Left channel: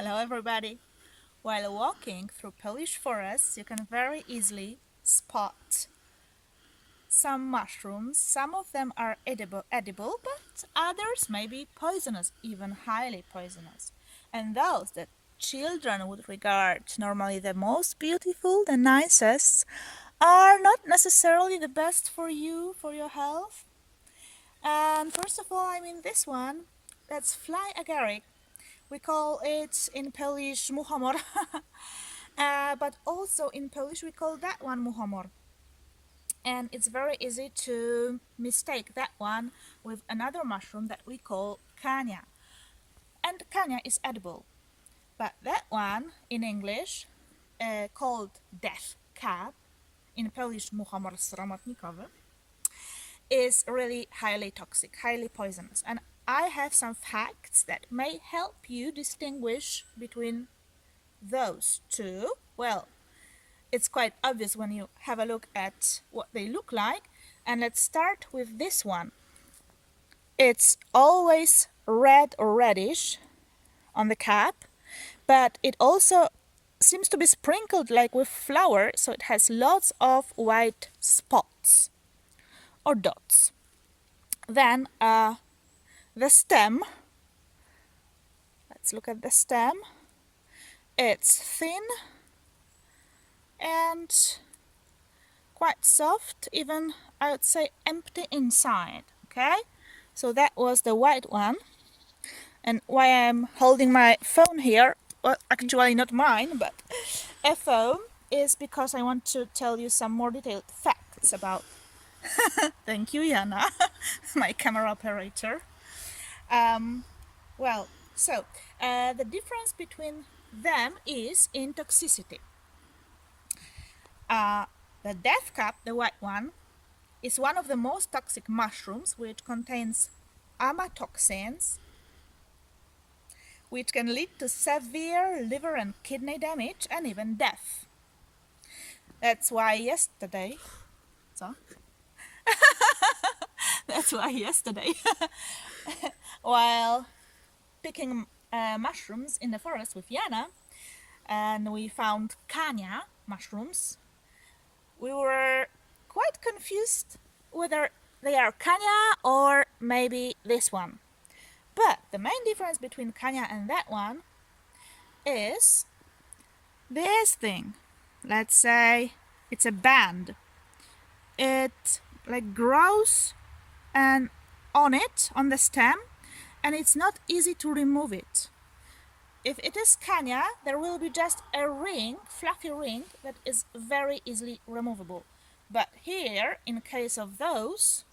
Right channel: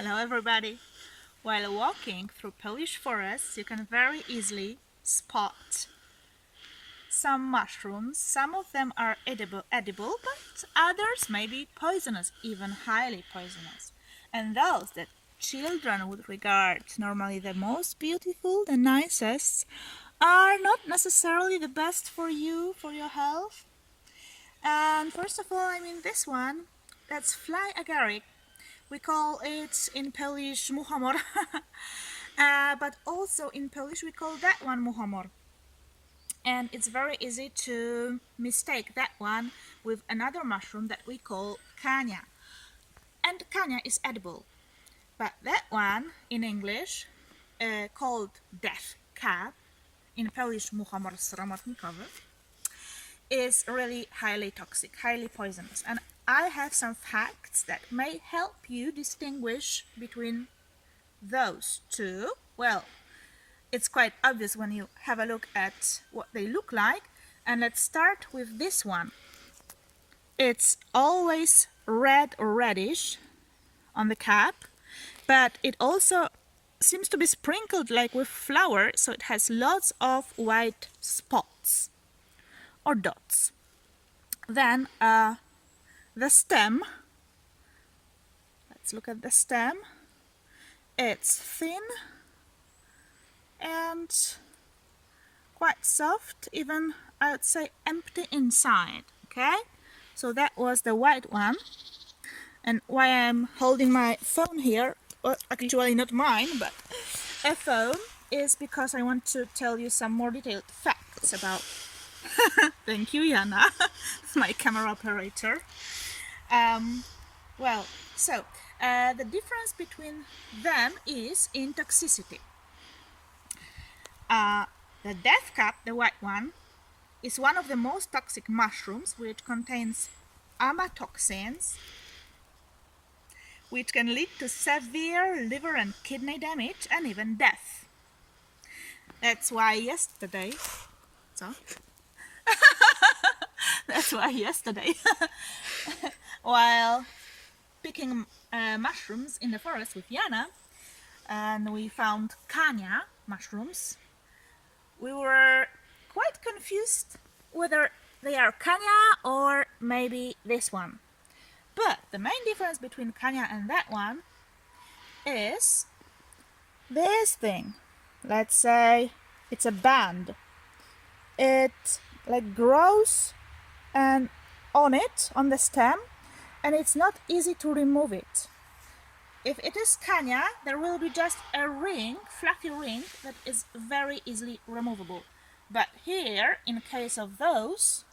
Hello everybody! While walking through Polish forests, you can very easily spot some mushrooms. Some of them are edible, but others may be poisonous, even highly poisonous. And those that children would regard normally the most beautiful, the nicest, are not necessarily the best for you, for your health. And first of all, this one, that's fly agaric. We call it in Polish muchomor, but also in Polish we call that one muchomor. And it's very easy to mistake that one with another mushroom that we call kania. And kania is edible, but that one in English, called death cap, in Polish muchomor sromotnikowy, is really highly toxic, highly poisonous. And I have some facts that may help you distinguish between those two. Well, it's quite obvious when you have a look at what they look like. And let's start with this one. It's always red or reddish on the cap, but it also seems to be sprinkled like with flour, so it has lots of white spots or dots. Then the stem, let's look at the stem. It's thin and quite soft, even I would say empty inside. Okay, so that was the white one. And why I'm holding my phone here, well, actually not mine, but a phone, is because I want to tell you some more detailed facts about thank you, Jana, my camera operator. The difference between them is in toxicity. The death cap, the white one, is one of the most toxic mushrooms, which contains amatoxins, which can lead to severe liver and kidney damage and even death. That's why yesterday, while picking mushrooms in the forest with Jana, and we found kania mushrooms, we were quite confused whether they are kania or maybe this one. But the main difference between kania and that one is this thing. Let's say it's a band. It grows and on the stem, and it's not easy to remove it. If it is kania, there will be just a ring, fluffy ring, that is very easily removable. But here, in case of those,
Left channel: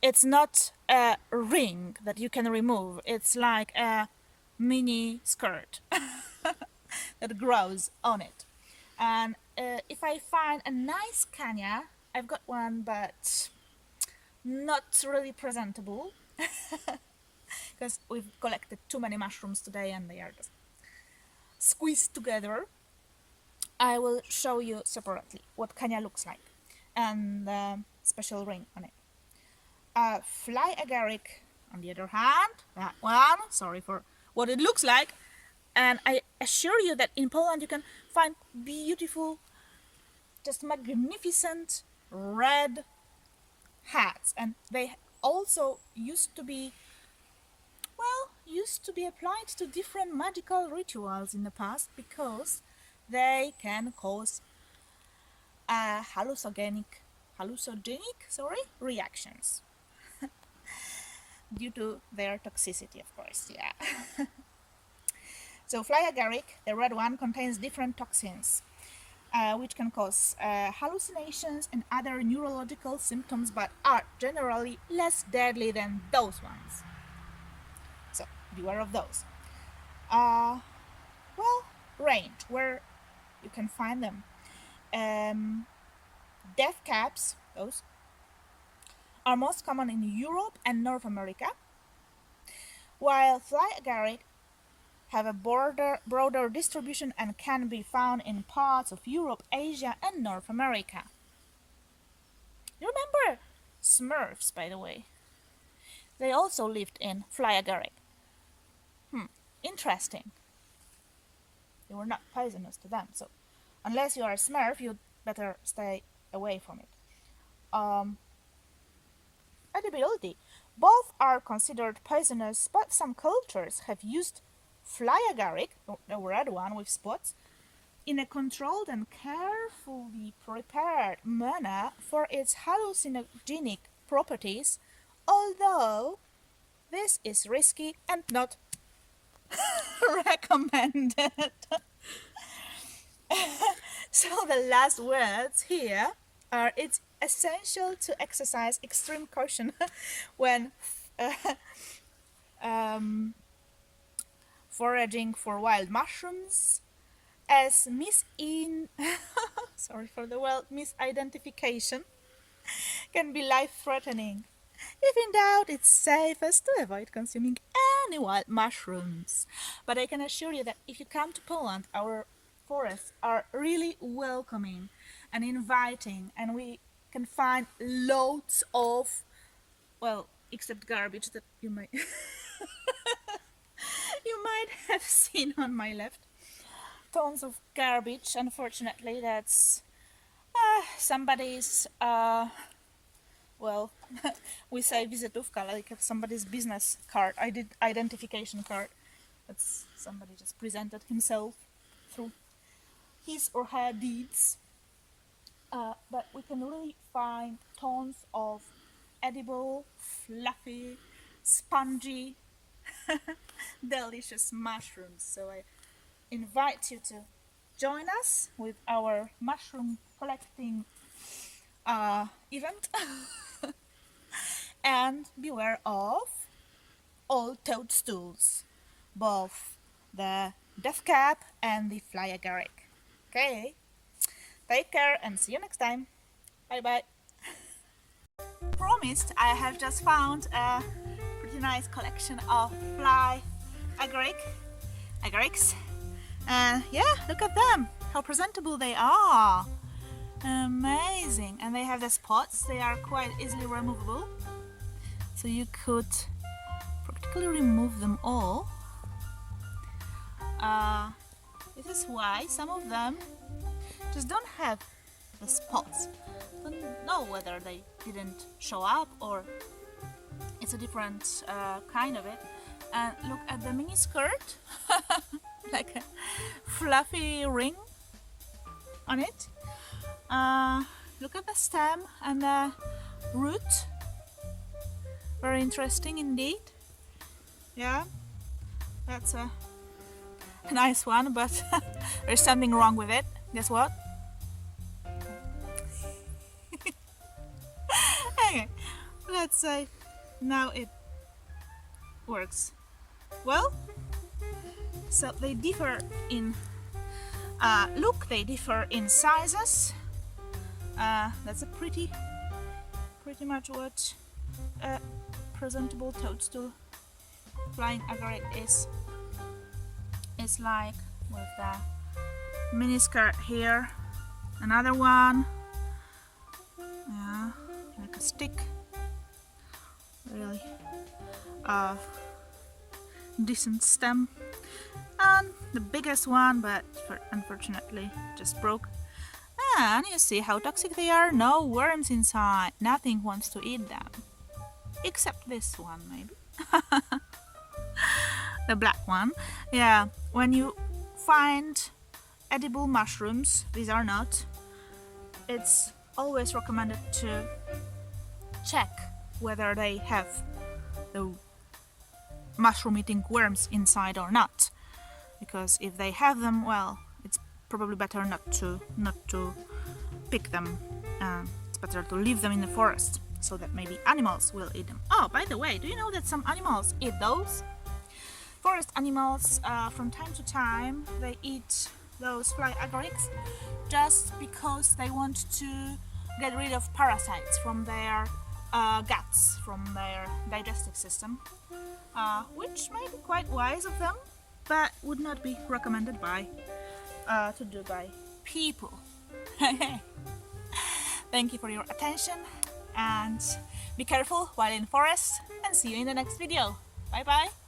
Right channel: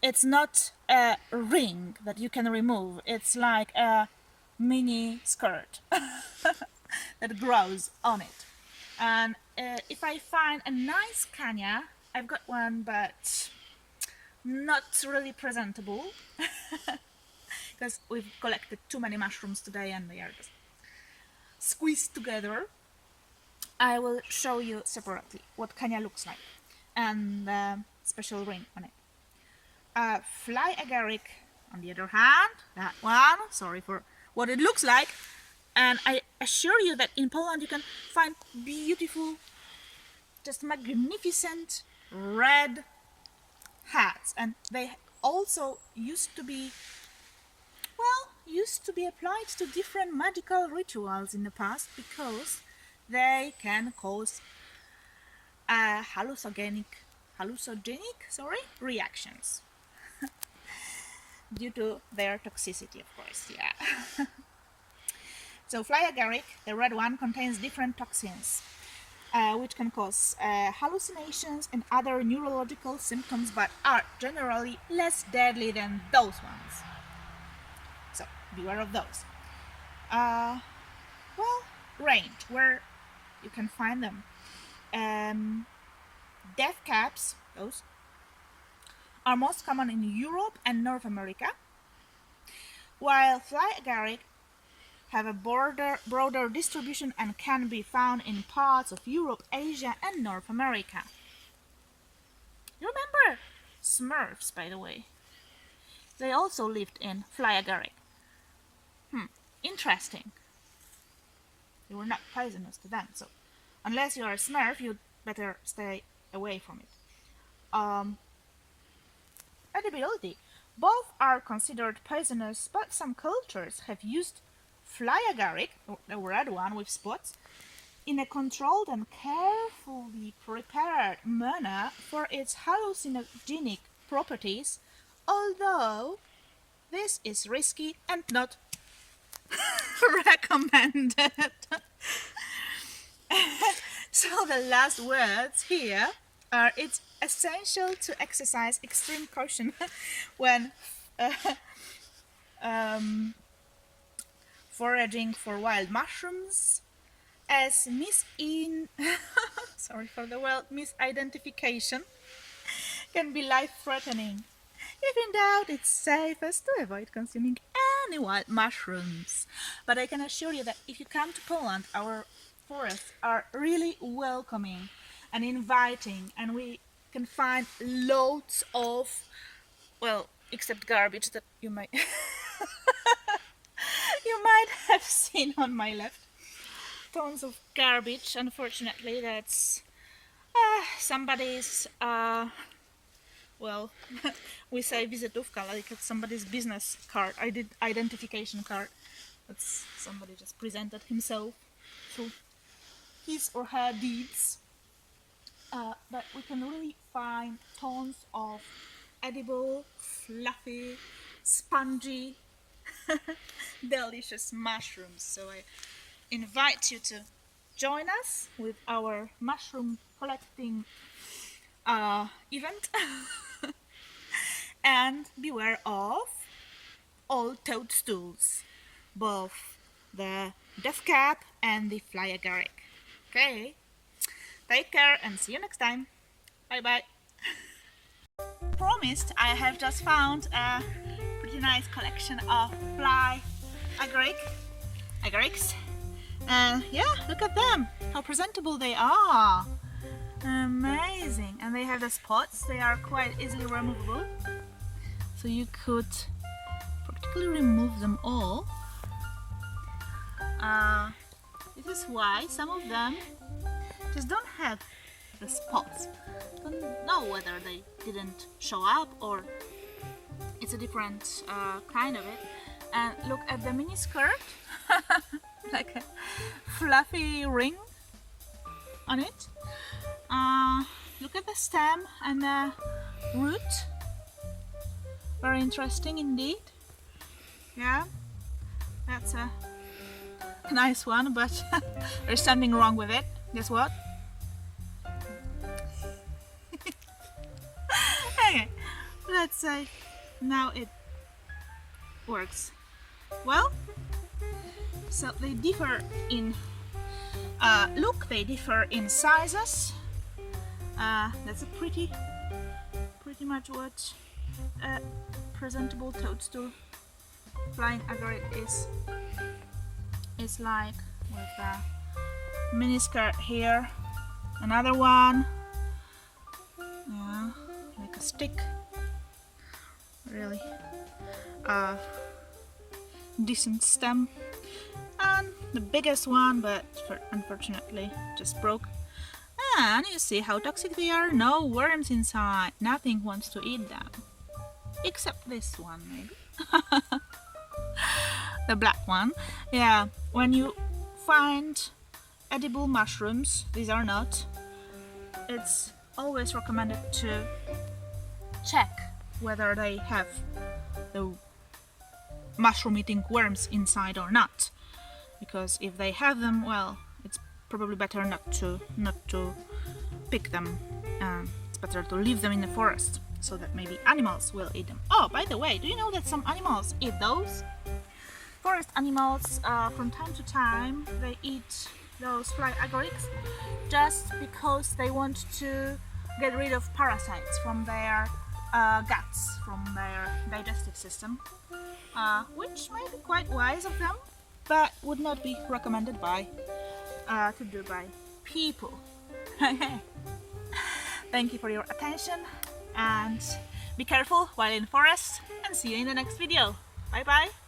it's not a ring that you can remove. It's like a mini skirt that grows on it. And if I find a nice kania, I've got one, but not really presentable, because we've collected too many mushrooms today and they are just squeezed together. I will show you separately what kania looks like and the special ring on it. Fly agaric, on the other hand, that one, sorry for what it looks like, and I assure you that in Poland you can find beautiful, just magnificent red hats, and they also used to be applied to different magical rituals in the past, because they can cause hallucinogenic reactions due to their toxicity, of course. Yeah. So fly agaric, the red one, contains different toxins, which can cause hallucinations and other neurological symptoms, but are generally less deadly than those ones. So beware of those. Range, where you can find them. Death caps, those, are most common in Europe and North America, while fly agaric have a broader distribution and can be found in parts of Europe, Asia, and North America. You remember Smurfs, by the way? They also lived in fly agaric. interesting. They were not poisonous to them, so unless you are a Smurf, you'd better stay away from it. Edibility. Both are considered poisonous, but some cultures have used fly agaric, the red one with spots, in a controlled and carefully prepared manner for its hallucinogenic properties, although this is risky and not recommended. So the last words here are: it's essential to exercise extreme caution when foraging for wild mushrooms, as sorry for the word, misidentification can be life-threatening. If in doubt, it's safest to avoid consuming any wild mushrooms. But I can assure you that if you come to Poland, our forests are really welcoming and inviting, and we can find loads of, well, except garbage that you might you might have seen on my left. Tons of garbage. Unfortunately, that's somebody's well, we say wizytówka, like it's somebody's business card, identification card. That's somebody just presented himself through his or her deeds. But we can really find tons of edible, fluffy, spongy, delicious mushrooms. So I invite you to join us with our mushroom collecting event. And beware of all toadstools, both the death cap and the fly agaric. Okay, take care and see you next time. Bye bye. Promised, I have just found a pretty nice collection of fly agarics. And yeah, look at them, how presentable they are. Amazing. And they have the spots, they are quite easily removable, so you could practically remove them all. This is why some of them just don't have the spots. Don't know whether they didn't show up or it's a different kind of it. And look at the mini skirt, like a fluffy ring on it. Look at the stem and the root, very interesting indeed. Yeah, that's a nice one, but there's something wrong with it. Guess what? Okay, let's say now it works well. So they differ in look, they differ in sizes. That's a pretty much what a presentable toadstool flying agaric is like, with the mini skirt here, another one, yeah, like a stick, really decent stem, and the biggest one, but unfortunately just broke. And you see how toxic they are. No worms inside, nothing wants to eat them except this one, maybe. The black one. Yeah, when you find edible mushrooms, these are not, it's always recommended to check whether they have the mushroom eating worms inside or not, because if they have them, well, it's probably better not to pick them. It's better to leave them in the forest so that maybe animals will eat them. Oh, by the way, do you know that some animals eat those? Forest animals, from time to time, they eat those fly agarics just because they want to get rid of parasites from their guts, from their digestive system, which may be quite wise of them, but would not be recommended to do by people. Thank you for your attention, and be careful while in forest, and see you in the next video. Bye bye.